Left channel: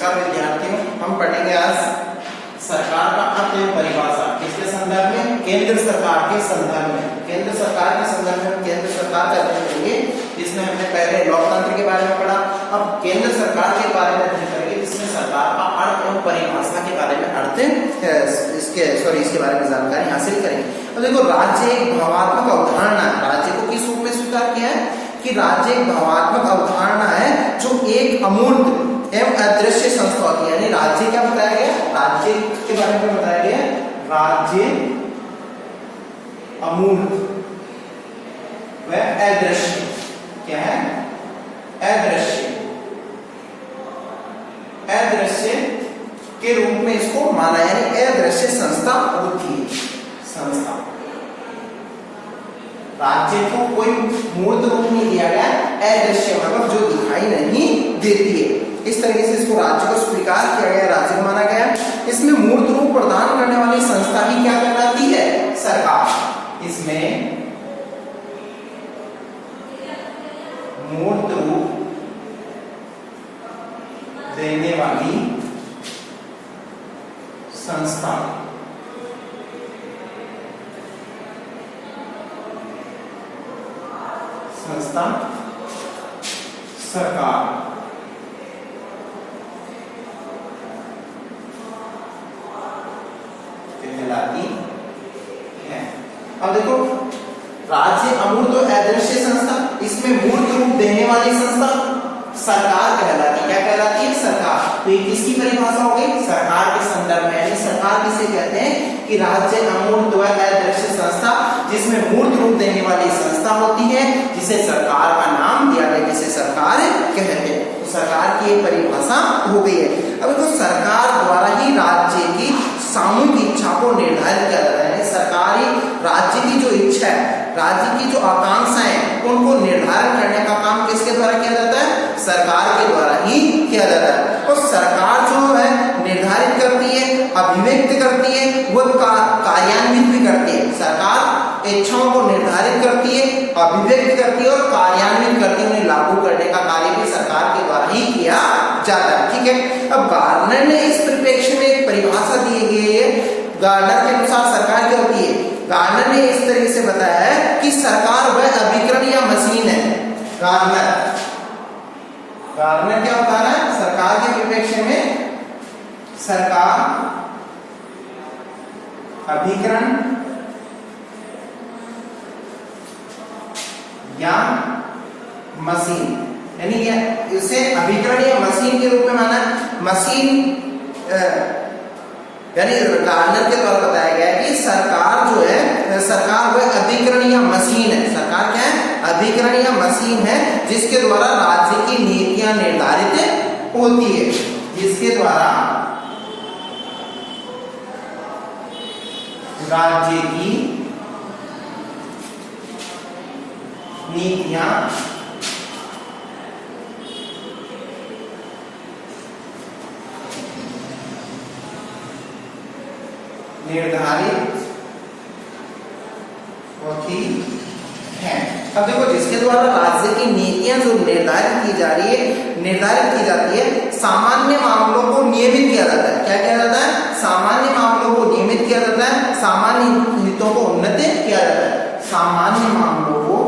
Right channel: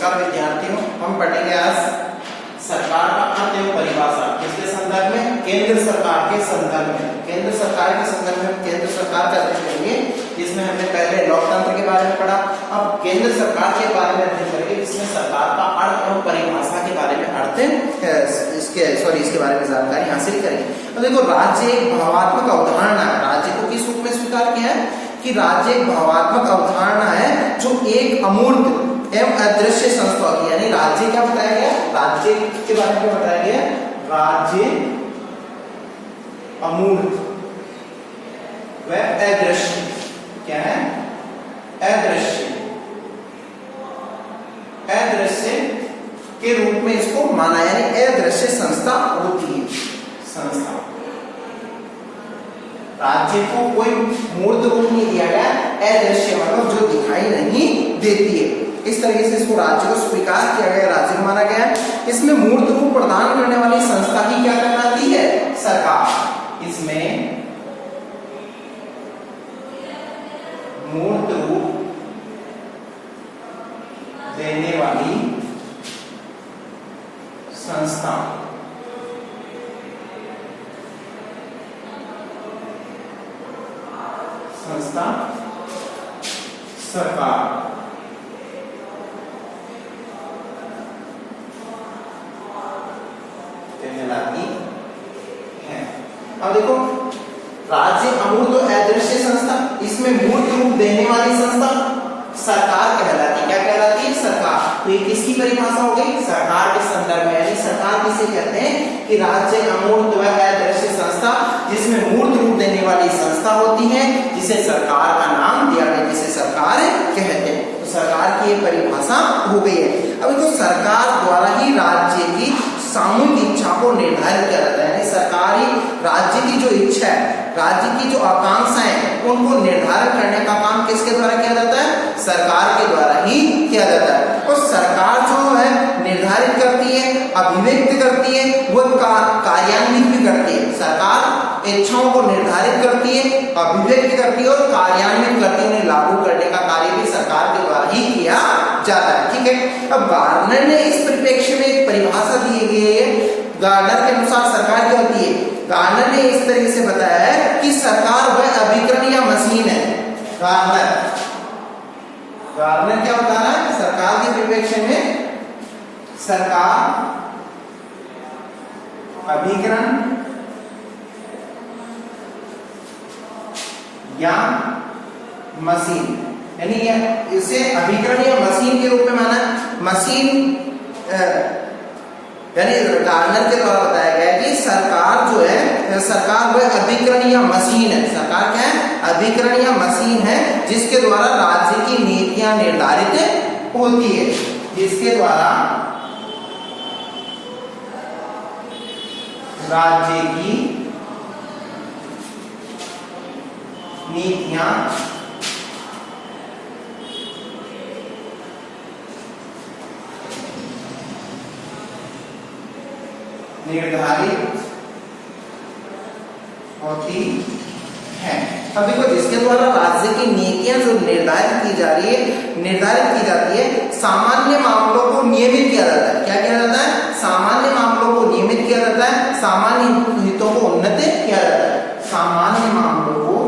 नमस्कार विद्यार्थियों, हम पढ़ेंगे आज सरकार का अर्थ एवं परिभाषा। किसके संदर्भ में? केंद्र सरकार के संदर्भ में। केंद्र सरकार के संदर्भ में केंद्र सरकार का अध्ययन करेंगे, जिसमें हमने पहले लोकतंत्र के बारे में पढ़ा। अब केंद्र सरकार के बारे में अध्ययन करेंगे, जिसमें सरकार का अर्थ एवं परिभाषा के बारे में इसके बारे में जानकारी हासिल करेंगे। अब देखो, राज्य एक भावात्मक अवधारणा है। राज्य को किस रूप में स्वीकार किया है कि राज्य एक भावात्मक अवधारणा है जो एक अमूर्त एवं अदृश्य संस्था होती है। यानी राज्य क्या बताया गया? राज्य के बारे में बताया गया, राज्य अमूर्त व अदृश्य। क्या है? अदृश्य। अदृश्य के रूप में इसको माना, यानी अदृश्य संस्था होती है। संस्था, राज्य को कोई मूर्त रूप नहीं दिया गया, अदृश्य मतलब जो दिखाई नहीं देती है। इस तरीके से इसको राज्य को स्वीकार किया गया, राज्य को माना गया। इसमें मूर्त रूप प्रदान करने वाली संस्था ही क्या कहलाती है? सरकार। इसमें मूर्त रूप देने वाली संस्था सरकार कहलाती है। अब देखो, राज्य अमूर्त और अदृश्य संस्था, इसमें मूर्त रूप देने वाली संस्था सरकार कहलाती। क्या कहलाती है? सरकार। तो ये किसकी परिभाषा हो गई? सरकार के संदर्भ में। यानी सरकार किसे कहते हैं कि राज्य अमूर्त व अदृश्य संस्था, जिसमें मूर्त रूप देने वाली संस्था होती है, जिसे सरकार का नाम दिया गया, जिसे सरकार कहते हैं। तो सरकार की ये परिभाषा हो गई है। अब देखो, सरकार द्वारा ही राज्य की सामूहिक इच्छा को निर्धारित किया जाता है। यानी सरकारी राज्य की जो इच्छा है, राज्य की जो आकांक्षाएं, उनको निर्धारण करने का काम किसके द्वारा किया जाता है? सरकार के द्वारा ही किया जाता है। और सरकार जो है निर्धारित करती है, अभिव्यक्त करती है, वो कार्यान्वित भी करती है। सरकार इच्छाओं को निर्धारित करती है, अभिव्यक्त करती है और कार्यान्वित करती है। उन्हें लागू करने का कार्य भी सरकार के द्वारा ही किया जाता है। ठीक है। अब गार्डनर ने इस परिप्रेक्ष्य में एक परिभाषा दी गई है। गार्डनर के अनुसार सरकार क्या होती है? गार्डनर ने इस तरीके से बताया है कि सरकार वह अभिकरण या मशीन है। गार्डनर क्या होता है? सरकार के परिप्रेक्ष्य में सरकार अभिकरण या मशीन, यानी इसे अभिकरण या मशीन के रूप में माना। मशीन यानी गार्डनर के द्वारा बताया गया है कि सरकार जो है, सरकार वह अभिकरण या मशीन है। सरकार क्या है? अभिकरण या मशीन है, जिसके द्वारा राज्य की नीतियां निर्धारित होती है। जिसके द्वारा राज्य की नीतियां निर्धारित होती है। अब देखो, जिसके द्वारा राज्य की नीतियां जो निर्धारित की जाती है, सामान्य मामलों को नियमित किया जाता है। क्या किया जाता है? सामान्य मामलों को नियमित किया जाता है, सामान्य हितों को उन्नत किया जाता है। सामान्य मामलों को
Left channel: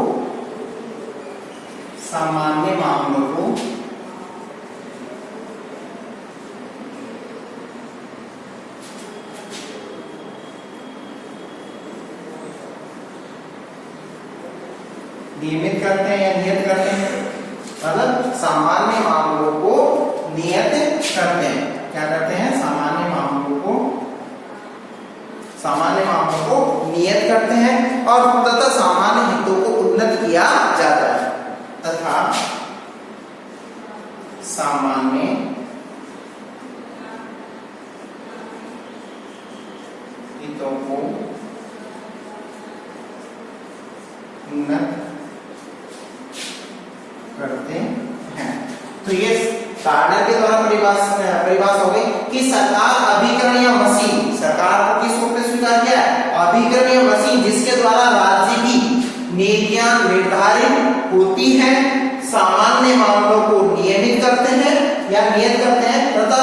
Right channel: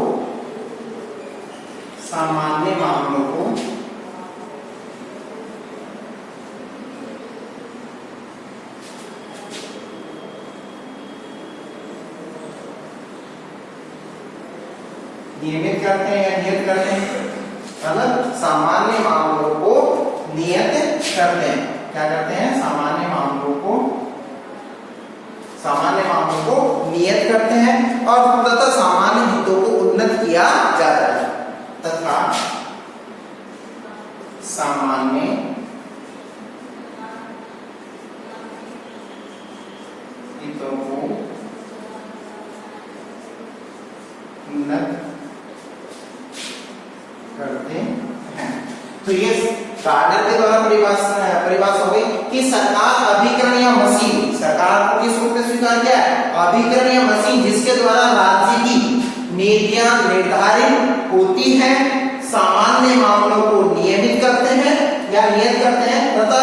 नियमित करते हैं या नियत करते हैं, मतलब सामान्य मामलों को नियत करते हैं। क्या करते हैं? सामान्य मामलों को नियत करते हैं और तथा सामान्य हितों को उन्नत किया जाता है। तथा सामान्य हितों को उन्नत करते हैं। तो ये गार्डनर के द्वारा परिभाषा हो गई कि सरकार अभिकरण या मशीन, सरकार को किस रूप में स्वीकार किया है? अभिकरण या मशीन, जिसके द्वारा राज्य की नीतियां निर्धारित होती हैं, सामान्य मामलों को नियमित करते हैं या नियत करते हैं तथा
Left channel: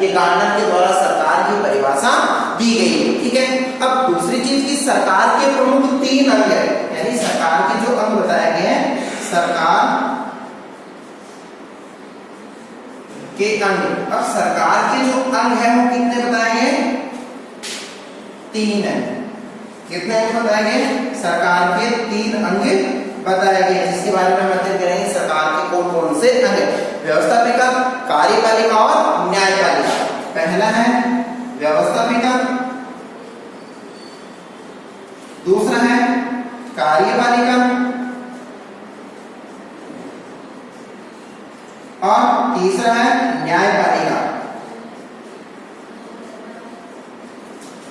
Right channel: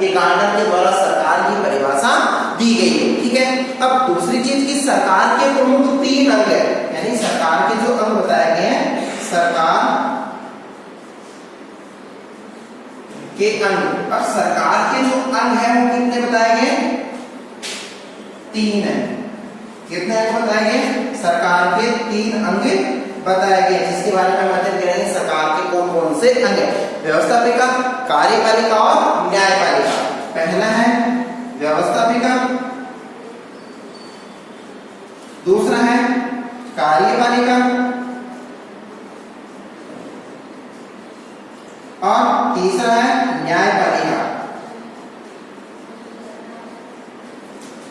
ये गार्डनर के द्वारा सरकार की परिभाषा दी गई है। ठीक है, अब दूसरी चीज की सरकार के प्रमुख 3 अंग है, यानी सरकार के जो अंग बताए गए हैं, सरकार के अंग। अब सरकार के जो अंग है वो कितने बताए गए? 3 है। कितने अंग बताए गए? सरकार के 3 अंग बताए गए, जिसके बारे में हम अध्ययन करेंगे सरकार के कौन कौन से अंग है। व्यवस्थापिका, कार्यपालिका और न्यायपालिका। पहला है व्यवस्थापिका, दूसरा है कार्यपालिका और तीसरा है न्यायपालिका।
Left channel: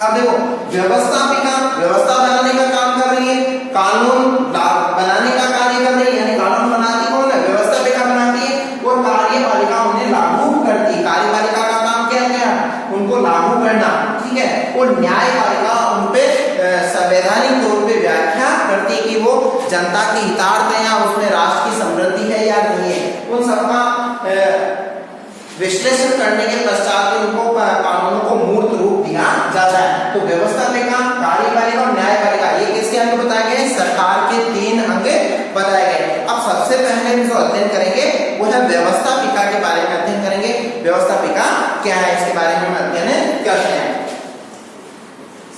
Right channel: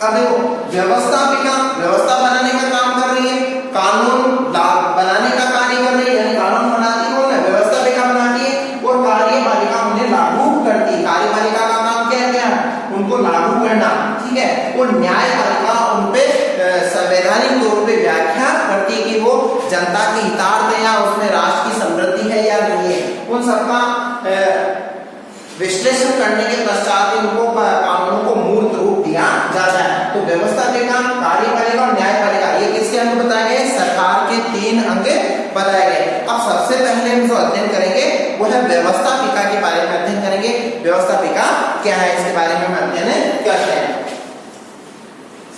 अब देखो, व्यवस्थापिका व्यवस्था बनाने का काम कर रही है, कानून बनाने का कार्य कर रही है, यानी कानून बनाती कौन है? व्यवस्थापिका बनाती है, और कार्यपालिका उन्हें लागू करती है। कार्यपालिका का काम क्या किया? उनको लागू करना। ठीक है, और न्यायपालिका उनपे संवैधानिक तौर पे व्याख्या करती है कि वो जनता के हितार्थ है या उसमें राष्ट्र की समृद्धि है या नहीं है। उन सबका विश्लेषण करने के पश्चात उनको कानून को मूर्त रूप दिया जाता है। तो व्यवस्थापिका, कार्यपालिका और न्यायपालिका ये किसके अंग बताए गए? सरकार के 3 अंग बताए गए। अब सबसे पहले हम जो अध्ययन करेंगे वो है व्यवस्थापिका के बारे में अध्ययन करेंगे। व्यवस्थापिका क्या है इसके बारे में हम अध्ययन करते हैं।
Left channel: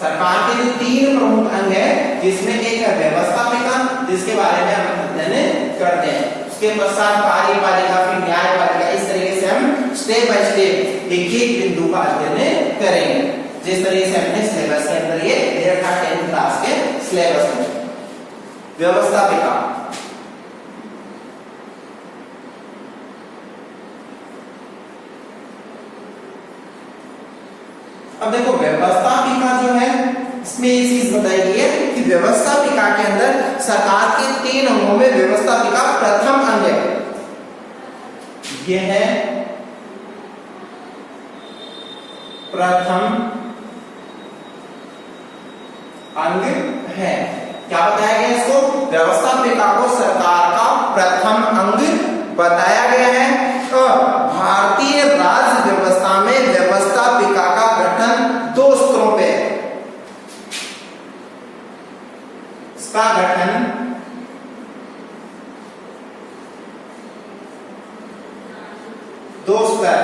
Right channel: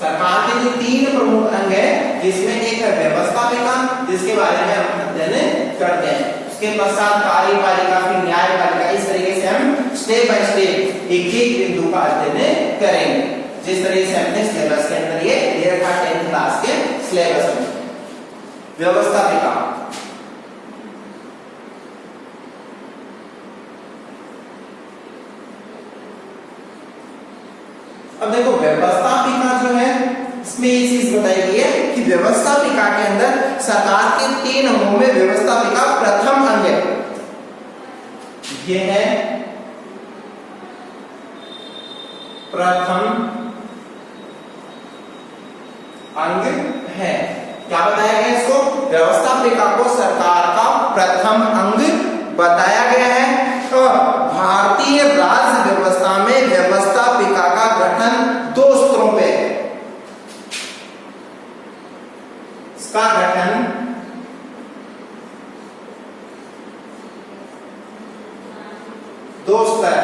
सरकार के जो 3 प्रमुख अंग है, जिसमें एक है व्यवस्थापिका, जिसके बारे में हम अध्ययन करते हैं। उसके पश्चात कार्यपालिका, फिर न्यायपालिका। इस तरीके से हम स्टेप बाय स्टेप एक एक बिंदु का अध्ययन करेंगे, जिस तरीके से अपने सिलेबस के अंदर ये दिया था 10th क्लास के सिलेबस में। व्यवस्थापिका, अब देखो व्यवस्थापिका जो है इसमें एक चीज बताई गई है कि व्यवस्थापिका के अंदर सरकार के 3 अंगों में व्यवस्थापिका प्रथम अंग है। ये है प्रथम अंग है। क्या बताया गया इसको? व्यवस्थापिका को सरकार का प्रथम अंग बताया गया है। और भारतीय राज्य व्यवस्था में व्यवस्थापिका का गठन 2 स्तरों पे, इसका गठन 2 स्तर।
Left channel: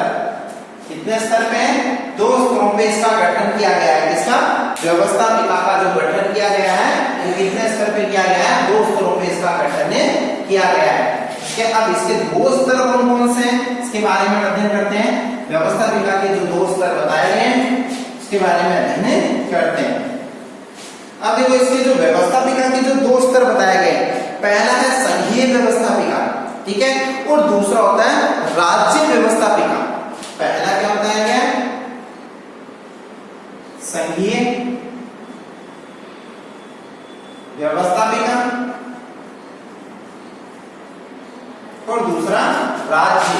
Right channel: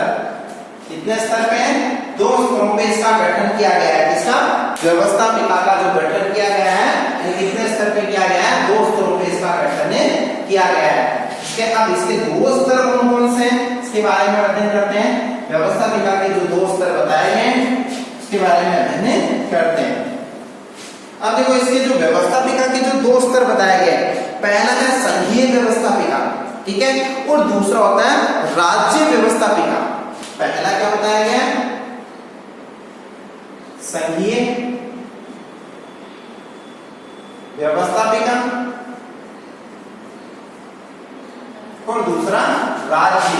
कितने स्तर पे? 2 स्तरों पे इसका गठन किया गया है। इसका व्यवस्थापिका का जो गठन किया गया है, कितने स्तर पे किया गया है? 2 स्तरों पे इसका गठन किया गया है। अब इसके 2 स्तर कौन कौन से हैं इसके बारे में अध्ययन करते हैं। व्यवस्थापिका के जो 2 स्तर बताए गए हैं उसके बारे में अध्ययन करते हैं। अब देखो, इसके जो व्यवस्थापिका के जो 2 स्तर बताए गए, पहला है संघीय व्यवस्थापिका, ठीक है, और दूसरा होता है राज्य व्यवस्थापिका। पहला क्या बताया गया? संघीय व्यवस्थापिका और दूसरा राज्य।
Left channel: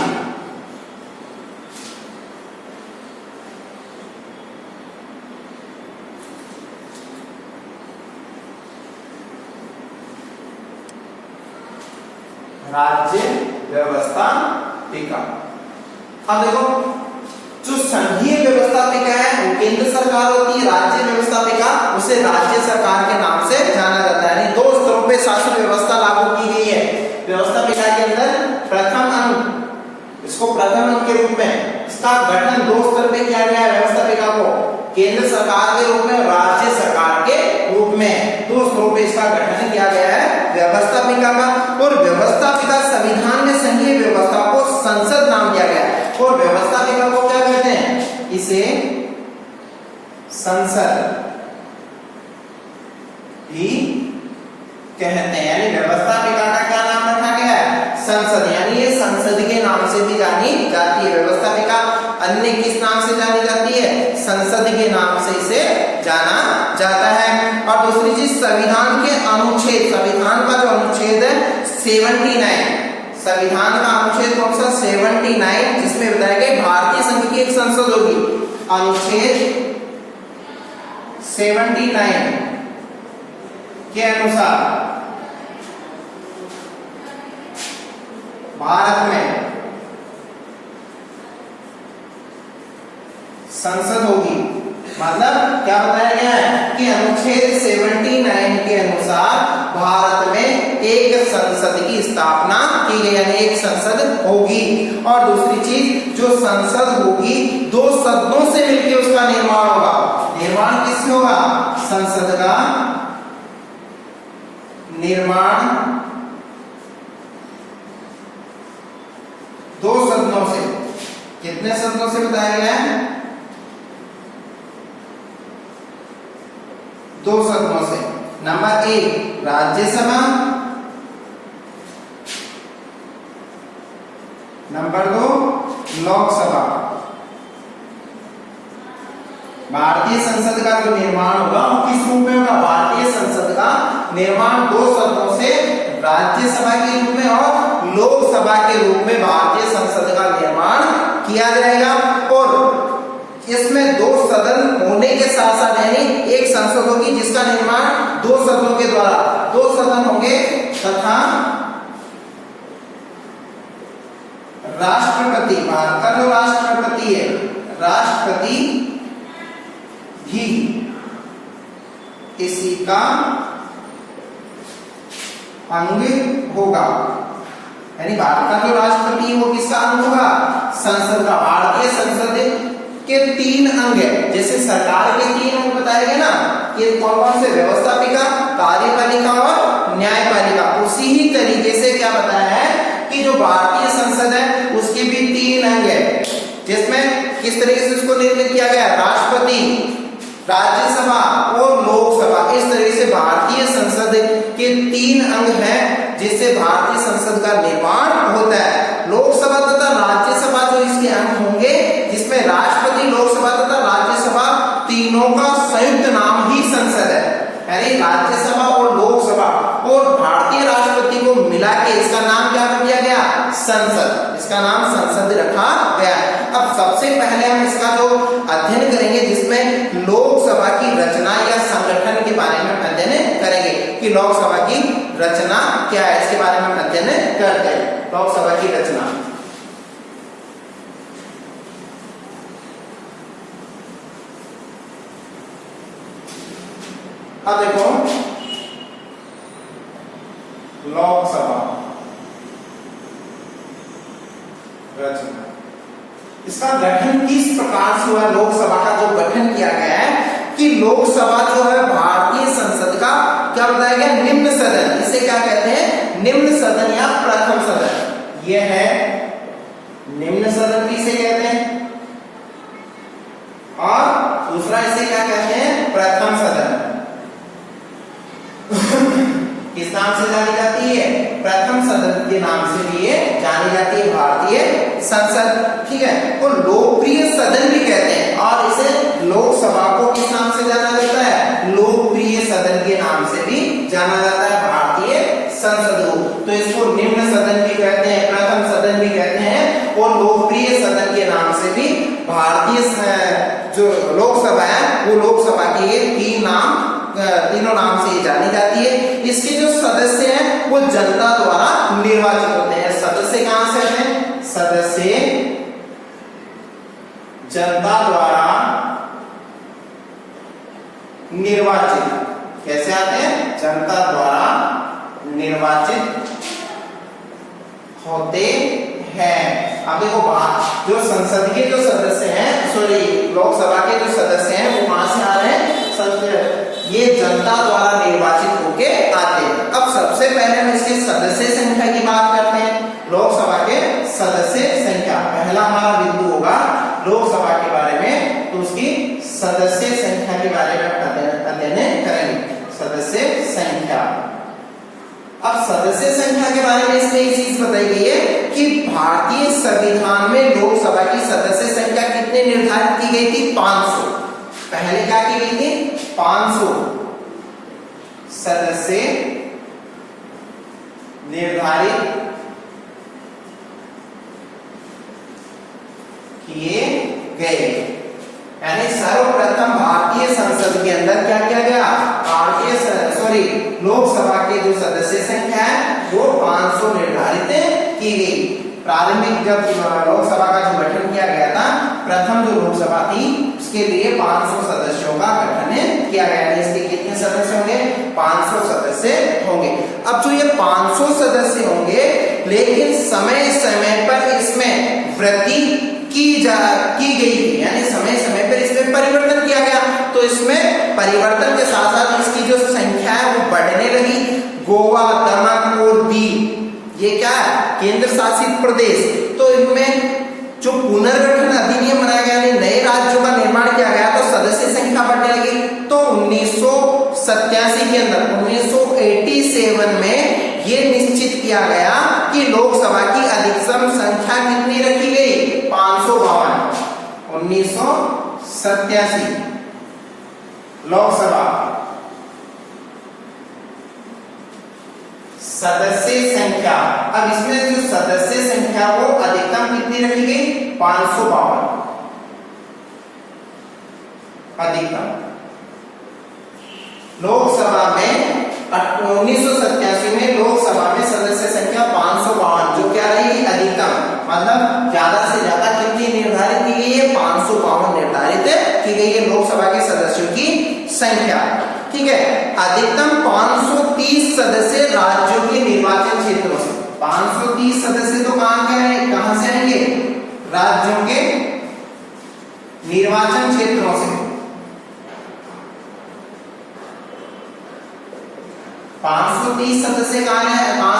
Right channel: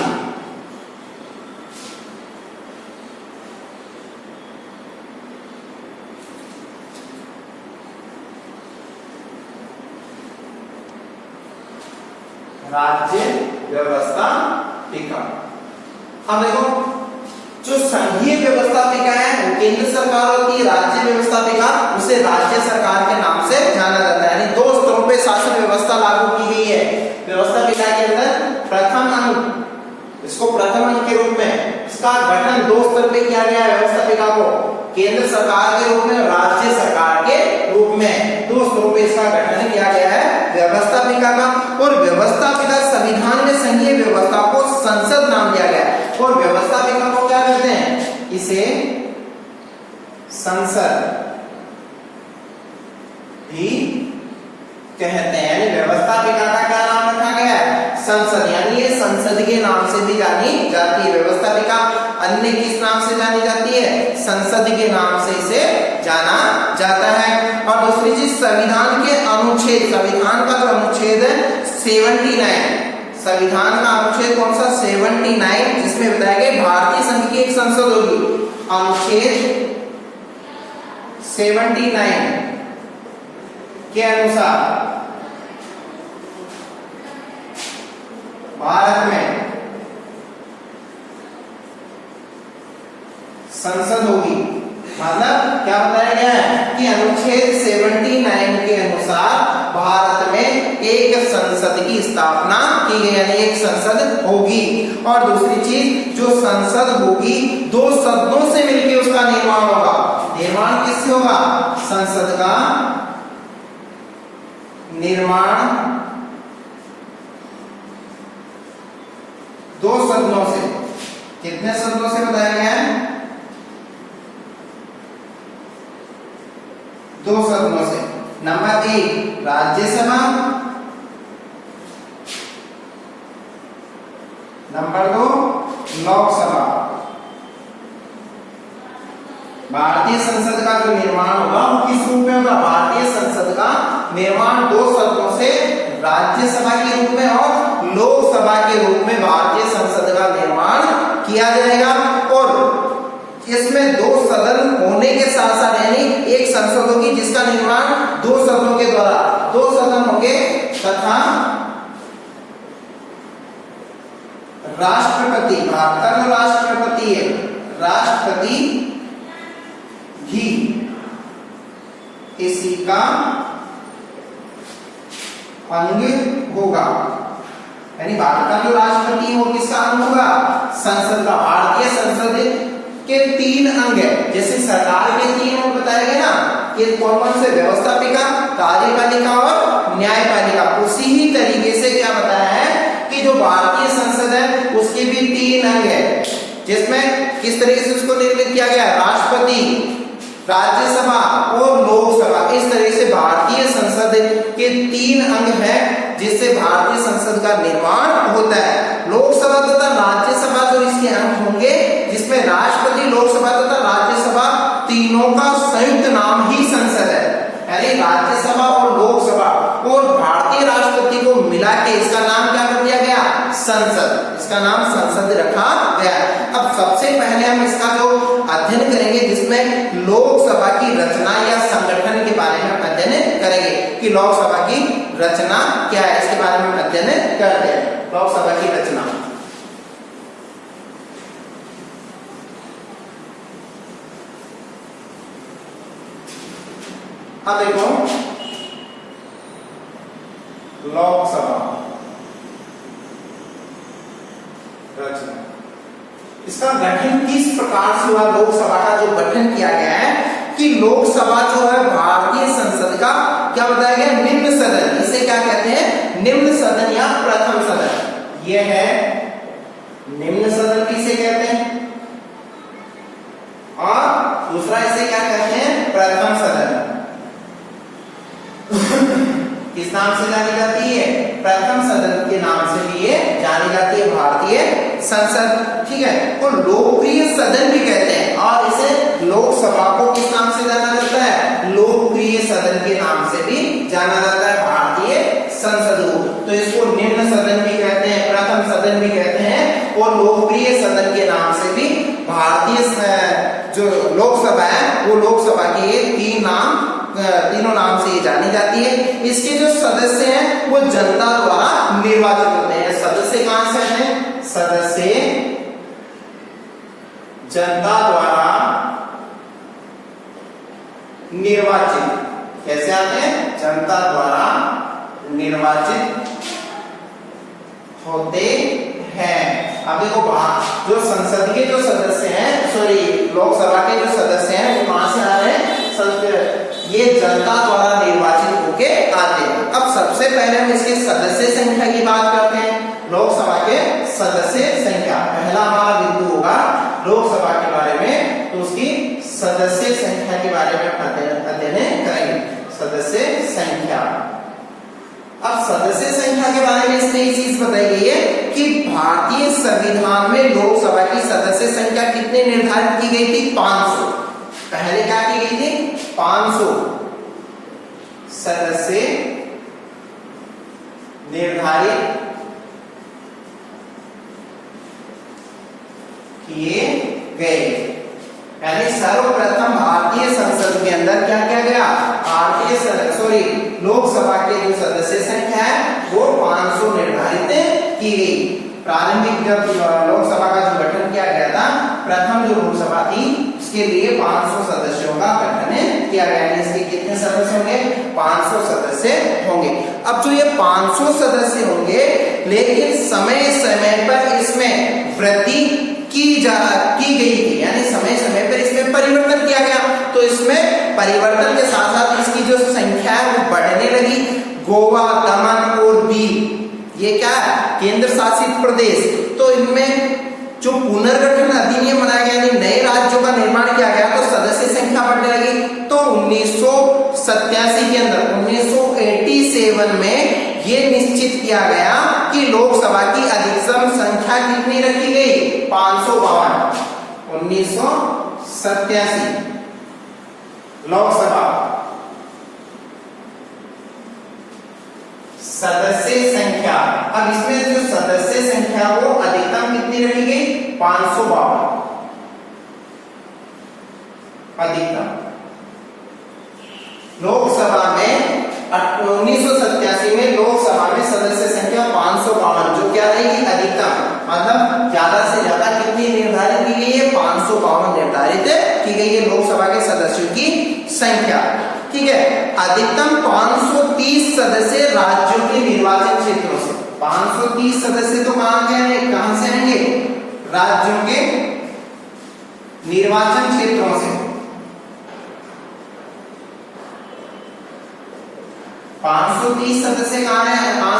राज्य व्यवस्थापिका। अब देखो, जो संघीय व्यवस्थापिका है वो केंद्र सरकार होती है, राज्य व्यवस्थापिका उसे राज्य सरकार के नाम से जाना जाता है। यानी 2 स्तरों पे शासन व्यवस्था लागू की गई है। व्यवस्थापिका के अंदर प्रथम अंग, इसको प्रथम अंग के रूप में इसका गठन 2 स्तर पे किया गया है। व्यवस्थापिका को केंद्र सरकार के रूप में और राज्य सरकार के रूप में 2 स्तरों पे इसका गठन किया गया है व्यवस्थापिका का। और व्यवस्थापिका संविधान में संघीय व्यवस्था को संसद नाम दिया गया है। और व्यवस्थापिका को क्या कहते हैं? इसे संसद भी कहते हैं। यानी व्यवस्थापिका का क्या नाम रखा गया है? संसद। यानी ये संसद के नाम से भी जानी जाती है। व्यवस्थापिका अन्य किस नाम से जानी जाती है? संसद के नाम से इसे जाना जाता है। और दूसरी चीज, संविधान के अनुच्छेद, संविधान का जो अनुच्छेद है 79, संविधान का अनुच्छेद कौन सा? 79, जिसमें बताया गया भारतीय संघ की एक संसद होगी। अनुच्छेद 79 के अनुसार भारत में संसद होगी। मतलब क्या बताया गया है कि अनुच्छेद 79 के अनुसार भारत में एक संसद की स्थापना की गई, यानी एक संसद होगी। और दूसरी चीज, जो संसद होगी 2 सदनों से मिलकर उसका निर्माण होगा। निर्माण किससे होगा? संसद का निर्माण 2 सदनों से। कितने सदनों से बताया गया है? 2 सदनों से। Number 1 Rajya Sabha, number 2 Lok Sabha. भारतीय संसद का जो निर्माण होगा वो किस रूप में होगा? भारतीय संसद का निर्माण 2 सदनों से, राज्यसभा के रूप में और लोकसभा के रूप में भारतीय संसद का निर्माण किया जाएगा। और इसमें 2 सदन होने के साथ साथ यानी एक संसद होगी जिसका निर्माण 2 सदनों के द्वारा, 2 सदन होंगे तथा राष्ट्रपति, भारत का जो राष्ट्रपति है, राष्ट्रपति भी इसी का अंग होगा। यानी भारत का जो राष्ट्रपति वो किसका अंग होगा? संसद का। भारतीय संसद के 3 अंग है। जैसे सरकार के 3 अंग बताए गए ना कि कौन से? व्यवस्थापिका, कार्यपालिका और न्यायपालिका। उसी ही तरीके से क्या बताया है कि जो भारतीय संसद है उसके भी 3 अंग है, जिसमें किस तरीके से उसको निर्मित किया गया है? राष्ट्रपति, राज्यसभा और लोकसभा। इस तरह से भारतीय संसद के 3 अंग हैं जिससे भारतीय संसद का निर्माण होता है। लोकसभा तथा राज्यसभा जो इसके अंग होंगे, जिसमें राष्ट्रपति, लोकसभा तथा राज्यसभा तीनों का संयुक्त नाम ही संसद है। यानी राज्यसभा और लोकसभा और भारतीय राष्ट्रपति को मिला के इसका नाम क्या कर दिया गया? संसद। इसका नाम संसद रखा गया। अब सबसे पहले हम इसका जो अध्ययन करेंगे जिसमें लोकसभा की रचना या संगठन के बारे में अध्ययन करेंगे कि लोकसभा की रचना क्या है, इसके बारे में अध्ययन करते हैं। लोकसभा की रचना, अब देखो लोकसभा रचना, इसका गठन किस प्रकार से हुआ? लोकसभा का जो गठन किया गया है कि लोकसभा जो है भारतीय संसद का क्या बताया गया? निम्न सदन। इसे क्या कहते हैं? निम्न सदन या प्रथम सदन। यह है निम्न सदन किसे कहते हैं, और दूसरा इसे क्या कहते हैं? प्रथम सदन। किस नाम से जानी जाती है? प्रथम सदन के नाम से भी ये जानी जाती है भारतीय संसद। ठीक है, तो लोकप्रिय सदन भी कहते हैं, और इसे लोकसभा को किस नाम से जाना जाता है? लोकप्रिय सदन के नाम से भी जाना जाता है भारतीय संसद को। तो इसको निम्न सदन भी कहते हैं, प्रथम सदन भी कहते हैं, और लोकप्रिय सदन के नाम से भी भारतीय जो लोकसभा है वो लोकसभा के 3 नाम से जानी जाती है। इसके जो सदस्य हैं वो जनता द्वारा निर्वाचित होते हैं। सदस्य कहां से हैं? सदस्य जनता द्वारा निर्वाचित। कैसे आते हैं? जनता द्वारा निर्वाचित होते हैं। अब देखो जो संसद के जो सदस्य हैं, सॉरी लोकसभा के जो सदस्य हैं वो कहां से आ रहे हैं? ये जनता द्वारा निर्वाचित होके आते हैं। अब सबसे पहले हम इसके सदस्य संख्या की बात करते हैं। लोकसभा के सदस्य संख्या, पहला हमारा बिंदु होगा लोकसभा के बारे में, तो उसकी सदस्य संख्या के बारे में अध्ययन करेंगे। सदस्य संख्या, अब सदस्य संख्या के बारे में इसमें एक चीज बताई गई है कि भारतीय संविधान में लोकसभा की सदस्य संख्या कितने निर्धारित की गई थी? 500। पहले क्या की गई थी? 500 सदस्य निर्धारित किए गए। यानी सर्वप्रथम भारतीय संसद के अंदर क्या किया गया? लोकसभा के जो सदस्य संख्या है वो 500 निर्धारित की गई। प्रारंभिक जब लोकसभा का जो गठन किया गया था प्रथम जो लोकसभा थी उसके लिए 500 सदस्यों का गठन किया गया। इसके कितने सदस्य होंगे? 500 सदस्य होंगे। अब जो ये 500 सदस्य होंगे, लेकिन समय समय पर इसमें वृद्धि की गई थी, यानी समय समय पर इसमें परिवर्तन किया गया। तो इसमें परिवर्तन के साथ साथ इसकी जो संख्या है वो बढ़ने लगी। गोवा, दमन और दीव ये क्या है? केंद्र शासित प्रदेश। तो इनमें जो पुनर्गठन अधिनियम बनाया गया, यानी नए राज्यों का निर्माण किया गया, तो सदस्य संख्या बढ़ने लगी। तो 1987 के अंदर 1987 में ये निश्चित किया गया कि लोकसभा की अधिकतम संख्या कितनी रखी गई? 552। 1987 लोकसभा सदस्य संख्या, अब इसमें जो सदस्य संख्या वो अधिकतम कितनी रखी गई? 552 अधिकतम। लोकसभा में 1987 में लोकसभा में सदस्य संख्या 552, जो क्या रहेगी? अधिकतम। मतलब ज्यादा से ज्यादा कितनी निर्धारित की गई है? 552 निर्धारित की गई है लोकसभा के सदस्यों की संख्या। ठीक है। अधिकतम 530 सदस्य राज्यों के निर्वाचन क्षेत्रों से। 530 सदस्य तो कहां से आएंगे? राज्यों के निर्वाचन क्षेत्रों से। 530 सदस्य कहां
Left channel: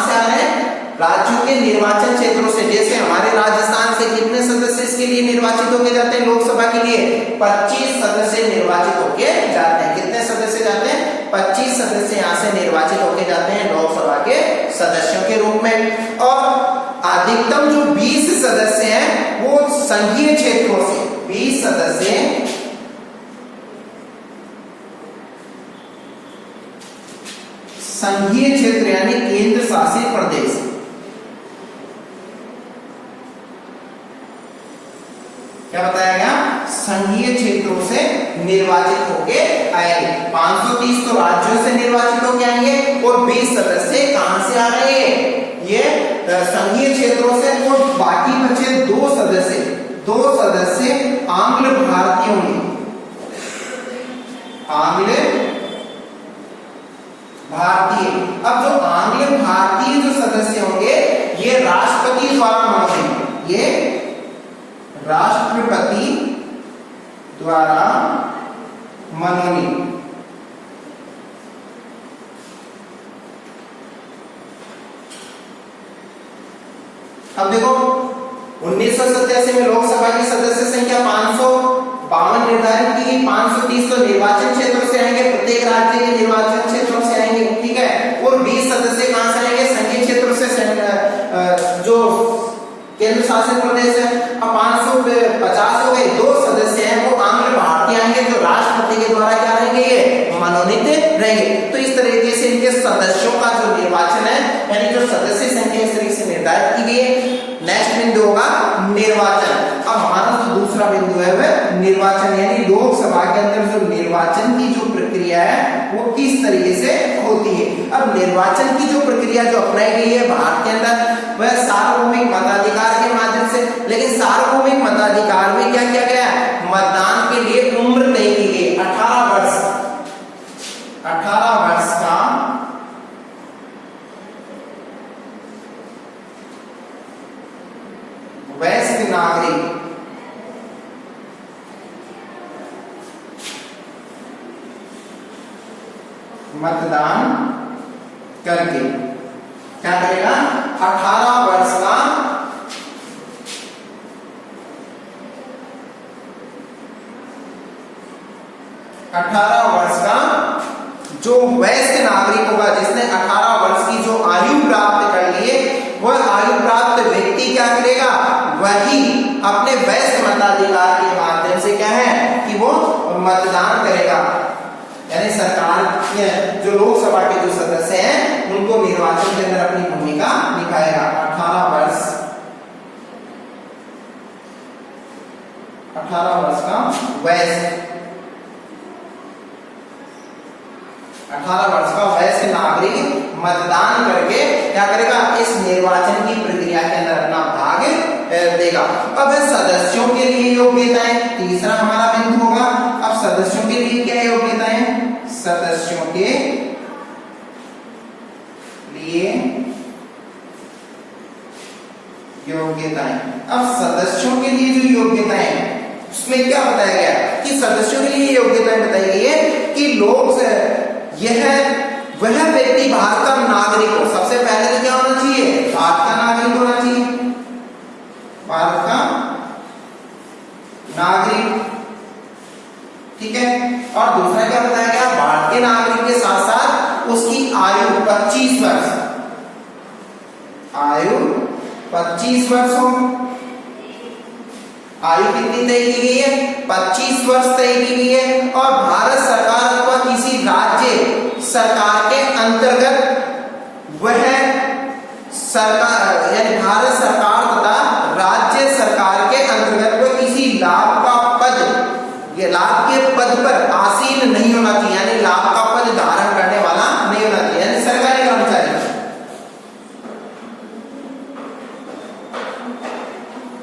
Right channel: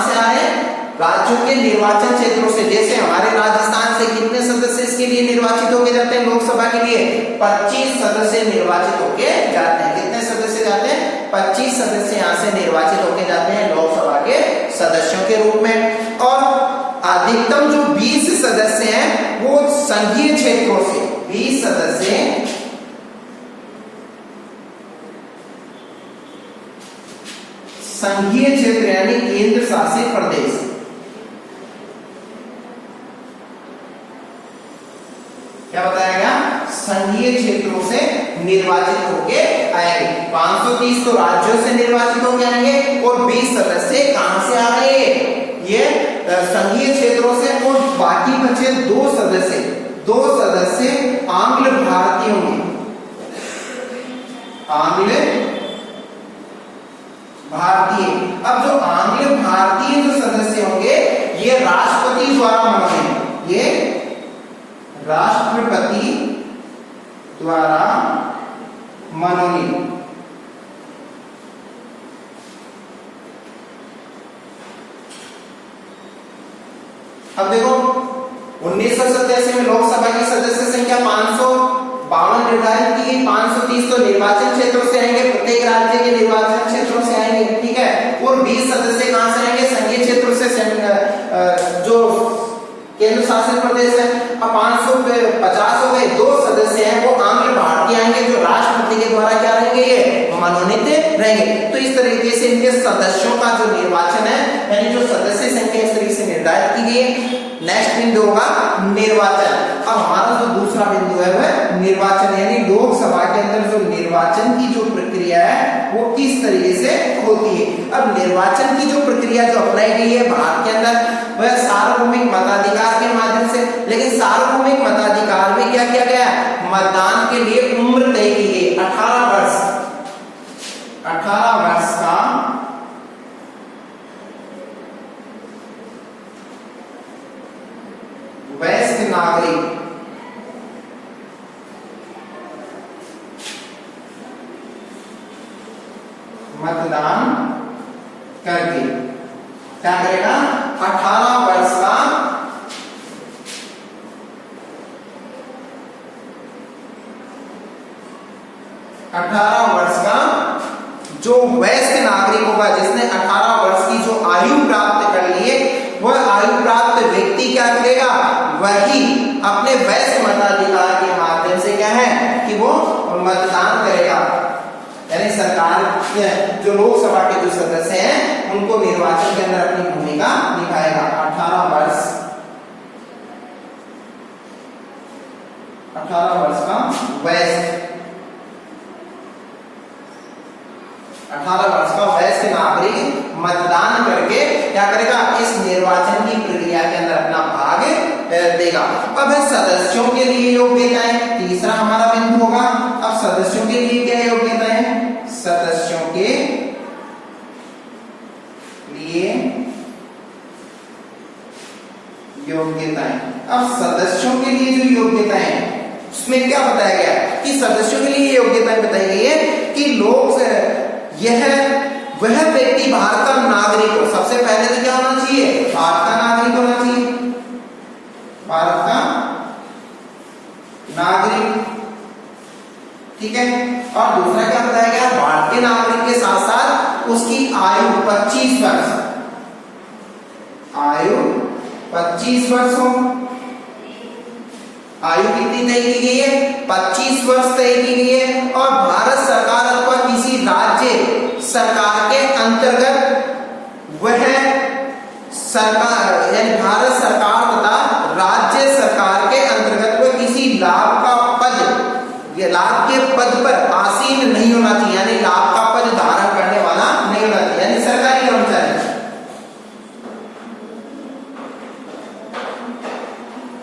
से आ रहे हैं? राज्यों के निर्वाचन क्षेत्रों से। जैसे हमारे राजस्थान से कितने सदस्य इसके लिए निर्वाचित होके जाते हैं लोकसभा के लिए? 25 सदस्य निर्वाचित होके जाते हैं। कितने सदस्य जाते हैं? 25 सदस्य यहाँ से निर्वाचित होके जाते हैं लोकसभा के सदस्यों के रूप में। और अधिकतम जो 20 सदस्य हैं वो संघीय क्षेत्रों से। 20 सदस्य संघीय क्षेत्र यानी केंद्र शासित प्रदेश। क्या बताया गया? संघीय क्षेत्रों से निर्वाचित होके आएंगे। 530 तो राज्यों से निर्वाचित होके आएंगे और 20 सदस्य कहां से आ रहे हैं? ये संघीय क्षेत्रों से। और बाकी बचे 2 सदस्य आंग्ल भारतीय होंगे। आंग्ल भारतीय। अब जो आंग्ल भारतीय जो सदस्य होंगे ये राष्ट्रपति द्वारा मनोनीत। ये राष्ट्रपति द्वारा मनोनीत। अब देखो 1987 में लोकसभा की सदस्य संख्या 552 निर्धारित की गई। 530 तो निर्वाचन क्षेत्रों से आएंगे, प्रत्येक राज्य के निर्वाचन क्षेत्रों से आएंगे। ठीक है। और 20 सदस्य कहां से आएंगे? संघीय क्षेत्रों से, जो केंद्र शासित प्रदेश है। अब 550 हो गए। 2 सदस्य हैं वो आंग्ल भारतीय आएंगे, जो राष्ट्रपति के द्वारा क्या रहेंगे? ये मनोनीत रहेंगे। तो इस तरीके से इनके सदस्यों का जो निर्वाचन है, यानी जो सदस्य संख्या इस तरीके से निर्धारित की गई है। नेक्स्ट बिंदु होगा निर्वाचन। अब हमारा जो दूसरा बिंदु है वह निर्वाचन, यानी लोकसभा के अंदर जो निर्वाचन की जो प्रक्रिया है वो किस तरीके से होती है। अब निर्वाचन की जो प्रक्रिया जो अपनाई गई है भारत के अंदर वह सार्वभौमिक मताधिकार के माध्यम से। लेकिन सार्वभौमिक मताधिकार में क्या किया गया? मतदान के लिए उम्र तय की गई। 18 वर्ष का वयस्क नागरिक मतदान करके क्या करेगा? 18 वर्ष का जो वयस्क नागरिक होगा, जिसने 18 वर्ष की जो आयु प्राप्त कर ली है, वह आयु प्राप्त व्यक्ति क्या करेगा? वही अपने वयस्क मताधिकार के माध्यम से क्या है कि वो मतदान करेगा। यानी सरकार जो लोकसभा के जो सदस्य हैं उनको निर्वाचन के अंदर अपनी भूमिका निभाएगा। 18 वर्ष का वयस्क 18 वर्ष का वयस्क नागरिक मतदान करके क्या करेगा? इस निर्वाचन की प्रक्रिया के अंदर अपना भाग देगा। अब है सदस्यों के लिए योग्यताएं, तीसरा हमारा बिंदु होगा। अब सदस्यों के लिए क्या योग्यताएं, सदस्यों के लिए योग्यताएं। अब सदस्यों के लिए जो योग्यताएं हैं उसमें क्या बताया गया कि सदस्यों के लिए योग्यताएं बताई गई है कि लोग वह व्यक्ति भारत का नागरिक हो। सबसे पहले तो क्या होना चाहिए, भारत का नागरिक होना चाहिए, भारत का नागरिक, ठीक है। और दूसरा क्या बताया गया, भारत के नागरिक के साथ साथ उसकी आयु 25 वर्ष, आयु 25 वर्ष हो। आयु कितनी तय की गई है, 25 वर्ष तय की गई है। और भारत सरकार अथवा किसी राज्य सरकार के अंतर्गत वह सरकार यानी भारत सरकार तथा राज्य सरकार के अंतर्गत वह किसी लाभ का पद या लाभ के पद पर आसीन नहीं होना चाहिए, यानी लाभ का पद धारण करने वाला नहीं होना चाहिए, यानी सरकारी कर्मचारी।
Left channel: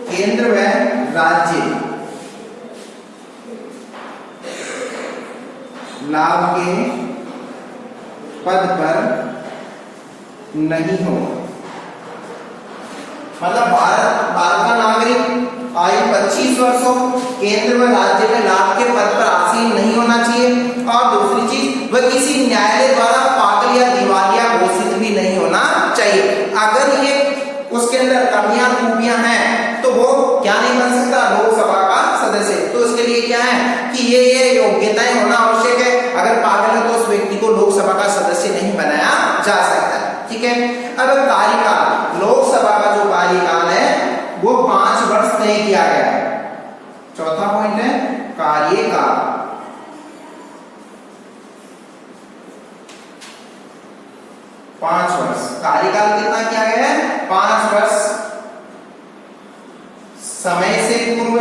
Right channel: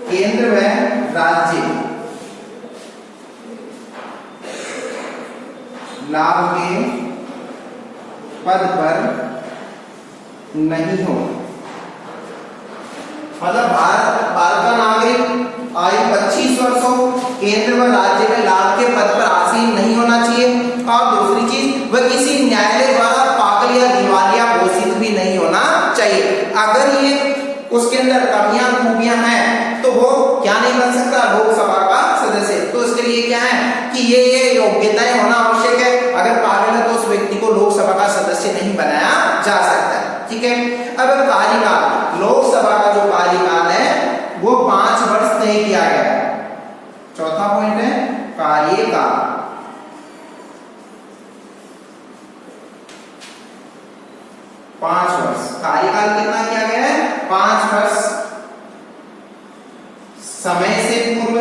केंद्र व राज्य लाभ के पद पर नहीं हो, मतलब भारत का नागरिक आयु 25 वर्ष हो, केंद्र व राज्य में लाभ के पद पर आसीन नहीं होना चाहिए। और दूसरी चीज, वह किसी न्यायालय द्वारा पागल या दिवालिया घोषित भी नहीं होना चाहिए। अगर ये उसके अंदर कमियां खूबियां हैं तो वो क्या नहीं बन सकता, लोकसभा का सदस्य। तो इसके लिए क्या है कि ये योग्यताएं होना आवश्यक है। अगर पागल है तो उस व्यक्ति को लोकसभा का सदस्य नहीं बनाया जा सकता, ठीक है। अब कार्यकाल, लोकसभा का जो कार्यकाल है वो 5 वर्ष तय किया गया है। चौथा पॉइंट है कार्यकाल, 5 वर्ष। कार्यकाल कितना किया गया है, 5 वर्ष। समय से पूर्व,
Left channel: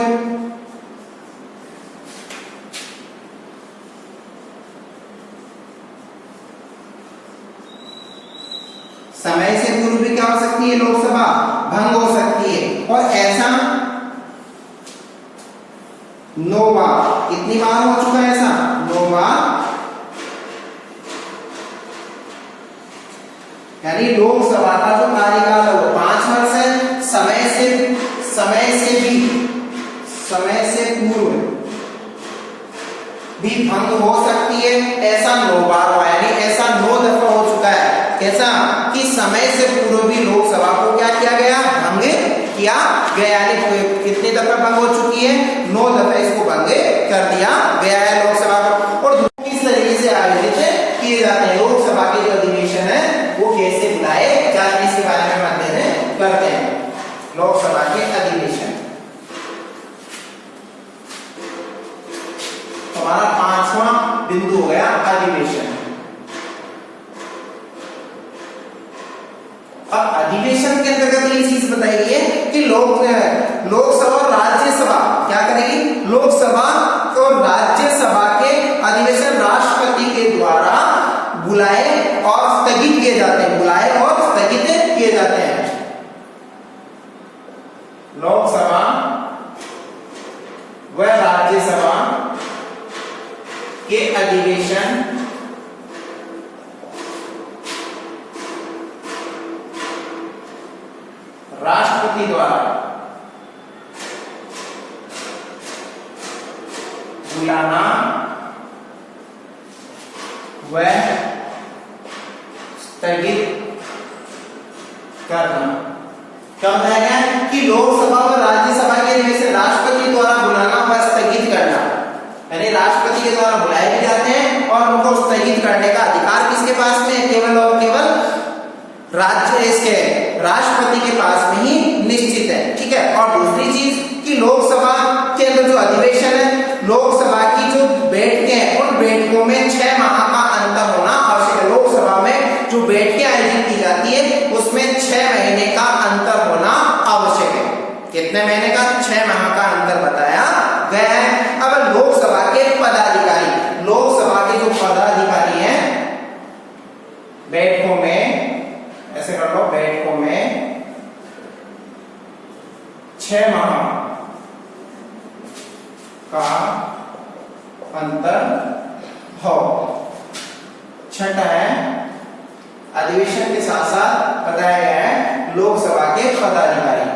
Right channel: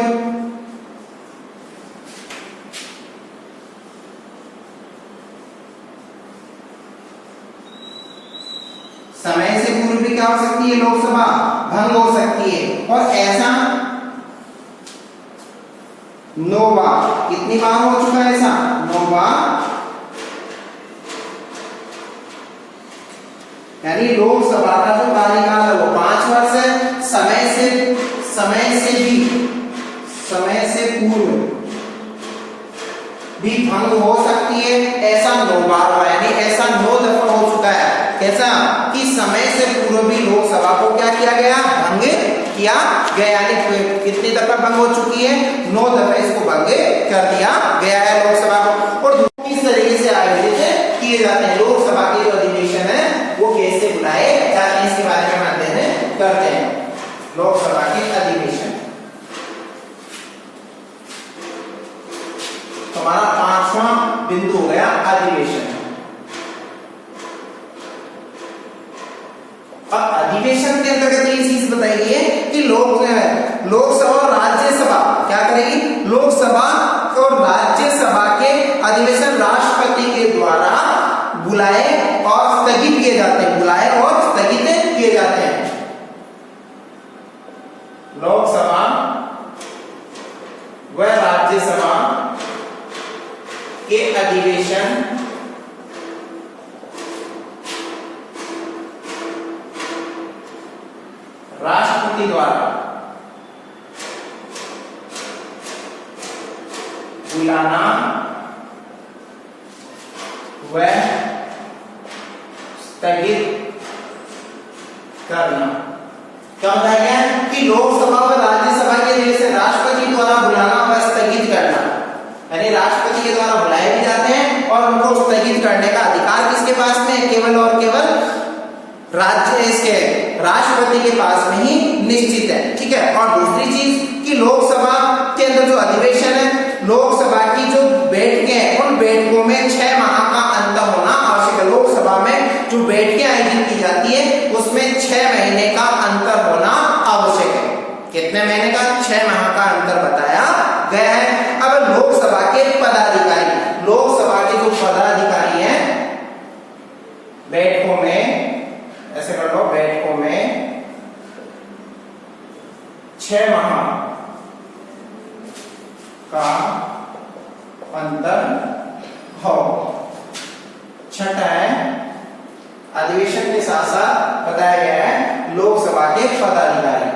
समय से पूर्व भी क्या हो सकती है, लोकसभा भंग हो सकती है। और ऐसा 9 बार, कितनी बार हो चुका है ऐसा, 9 बार। यानी लोकसभा का जो कार्यकाल है वो 5 वर्ष है। समय से पूर्व भी भंग हो सकती है, ऐसा 9 बार हुआ, यानी ऐसा 9 दफा हो चुका है। कैसा कि समय से पूर्व भी लोकसभा को क्या किया गया, भंग किया गया। यानी कितनी दफा भंग हो चुकी है, 9 दफा इसको भंग कर दिया गया है लोकसभा को। और किस तरीके से आयोजित किए जाते हैं लोकसभा के जो अधिवेशन है वो कैसे बुलाए जाते हैं, इसके बारे में अध्ययन करते हैं। लोकसभा के अधिवेशन हमारा 5वां बिंदु हो गया, अधिवेशन। अब अधिवेशन के अंतर्गत ये चीज बताई है कि लोकसभा और राज्यसभा क्या करेगी, लोकसभा और राज्यसभा के अधिवेशन राष्ट्रपति के द्वारा बुलाए और स्थगित किए जाते हैं, बुलाए और स्थगित किए जाते हैं। लोकसभा व राज्यसभा के अधिवेशन राष्ट्रपति द्वारा बुलाना व स्थगित करना। क्या बताया गया कि लोकसभा और राज्यसभा के जैसे राष्ट्रपति द्वारा बुलाना व स्थगित करना, यानी राष्ट्रपति के द्वारा बुलाए भी जाते हैं और उनको स्थगित करने का अधिकार किसके पास में है, केवल और केवल राष्ट्रपति के पास में ही निश्चित है, ठीक है। और दूसरी चीज कि लोकसभा के अंदर जो अधिवेशन है, लोकसभा की जो बैठकें हैं उन बैठकों में 6 माह का अंतर होना आवश्यक है। लोकसभा में जो बैठकें आयोजित की जाती है उसमें 6 महीने का अंतर होना आवश्यक है। कितने महीने का, 6 माह का अंतर बताया गया है। अब लोकसभा के पदाधिकारी, लोकसभा के जो पदाधिकारी हैं बैठकों में, ऐसे कर लो, बैठकों में 6 माह का अंतर हो। छठा है अधिवेशन के साथ साथ बताया गया है लोकसभा के पदाधिकारी।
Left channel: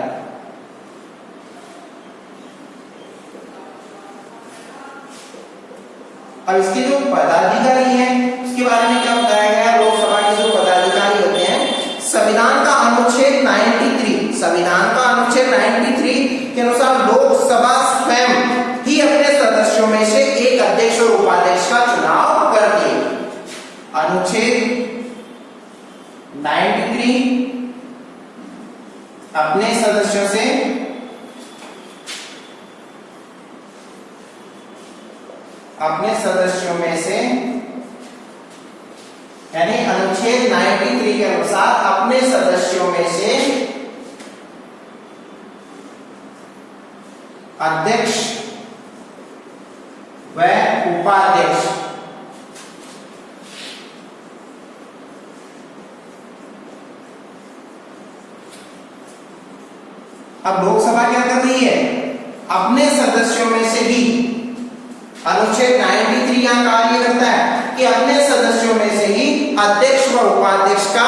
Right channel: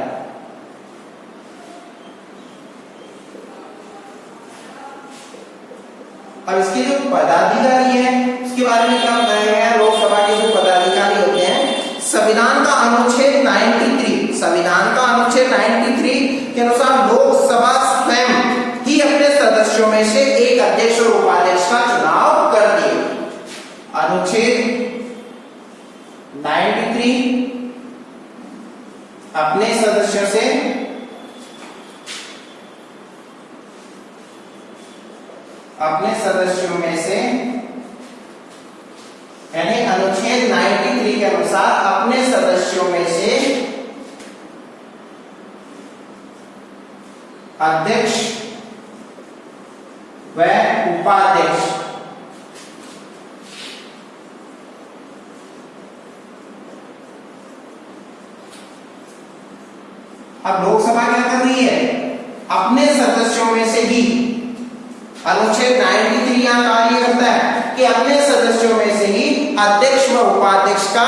अब इसके जो पदाधिकारी हैं उसके बारे में क्या बताया गया है? लोकसभा के जो पदाधिकारी होते हैं, संविधान का अनुच्छेद 93, संविधान का अनुच्छेद 93 के अनुसार लोकसभा स्वयं ही अपने सदस्यों में से एक अध्यक्ष और उपाध्यक्ष का चुनाव करती है। अनुच्छेद 93 अपने सदस्यों से में से यानी अनुच्छेद 93 के अनुसार अपने सदस्यों में से अध्यक्ष व उपाध्यक्ष अब लोकसभा क्या कर रही है? अपने सदस्यों में से ही अनुच्छेद 93 यहां कार्य करता है कि अपने सदस्यों में से ही अध्यक्ष व उपाध्यक्ष का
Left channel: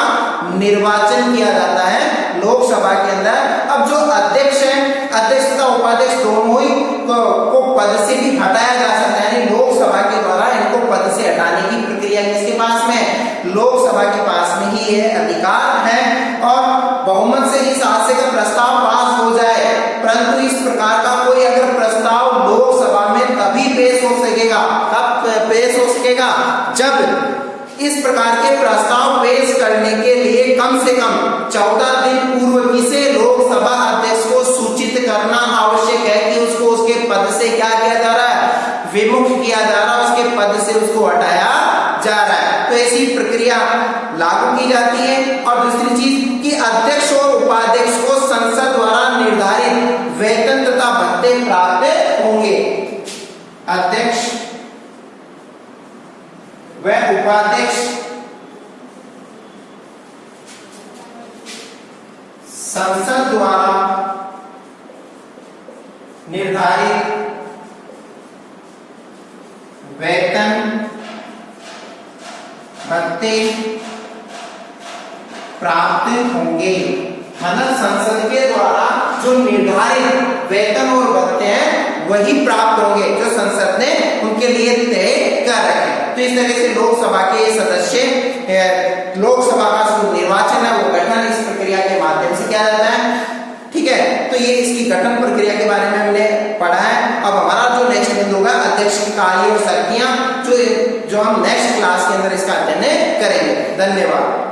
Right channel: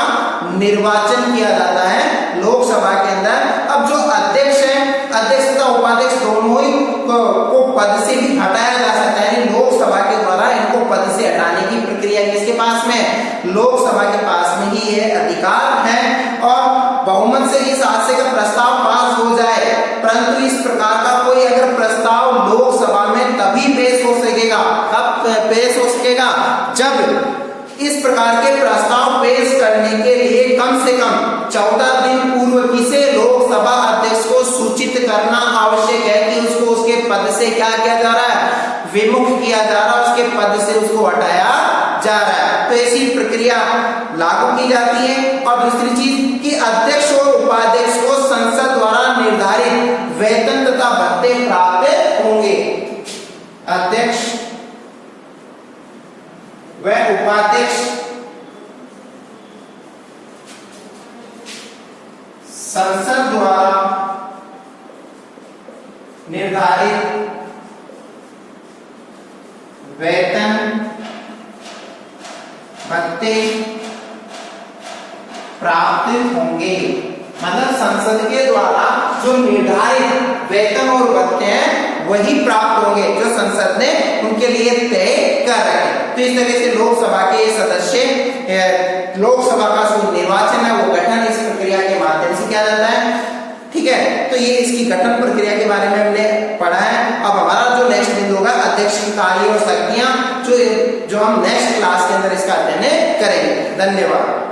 निर्वाचन किया जाता है लोकसभा के अंदर। अब जो अध्यक्ष है, अध्यक्ष तथा उपाध्यक्ष दोनों ही को पद से भी हटाया जा सकता है, यानी लोकसभा के द्वारा इनको पद से हटाने की प्रक्रिया किसके पास में है? लोकसभा के पास में ही यह अधिकार है। और बहुमत से इस आशय का प्रस्ताव पास हो जाए, परंतु इस प्रकार का कोई अगर प्रस्ताव लोकसभा में तभी पेश हो सकेगा, कब पेश हो सकेगा? जब इस प्रकार के प्रस्ताव पेश करने के लिए कम से कम 14 दिन पूर्व किसे लोकसभा अध्यक्ष को सूचित करना आवश्यक है कि उसको उसके पद से क्या किया जा रहा है? विमुख किया जा रहा है, उसके पद से उसको हटाया जा रहा है। तो ऐसी प्रक्रिया लागू की जाती है। और दूसरी चीज कि अध्यक्ष और उपाध्यक्ष को संसद द्वारा निर्धारित वेतन तथा भत्ते प्राप्त होंगे। अध्यक्ष व उपाध्यक्ष संसद द्वारा निर्धारित वेतन भत्ते प्राप्त होंगे। मतलब संसद के द्वारा जो निर्धारित वेतन और भत्ते हैं वही प्राप्त होंगे जो संसद ने उनके लिए तय कर रखे। तो इस तरह से लोकसभा के सदस्य, लोकसभा का जो निर्वाचन है वो गठन इस प्रक्रिया के माध्यम से किया जाता है। ठीक है, तो ये इसकी गठन प्रक्रिया के बारे में हमने पढ़ा है। अब हमारा जो नेक्स्ट बिंदु होगा अध्यक्ष की कार्य और शक्तियां, जो हम नेक्स्ट क्लास के अंदर इसका अध्ययन करेंगे। धन्यवाद।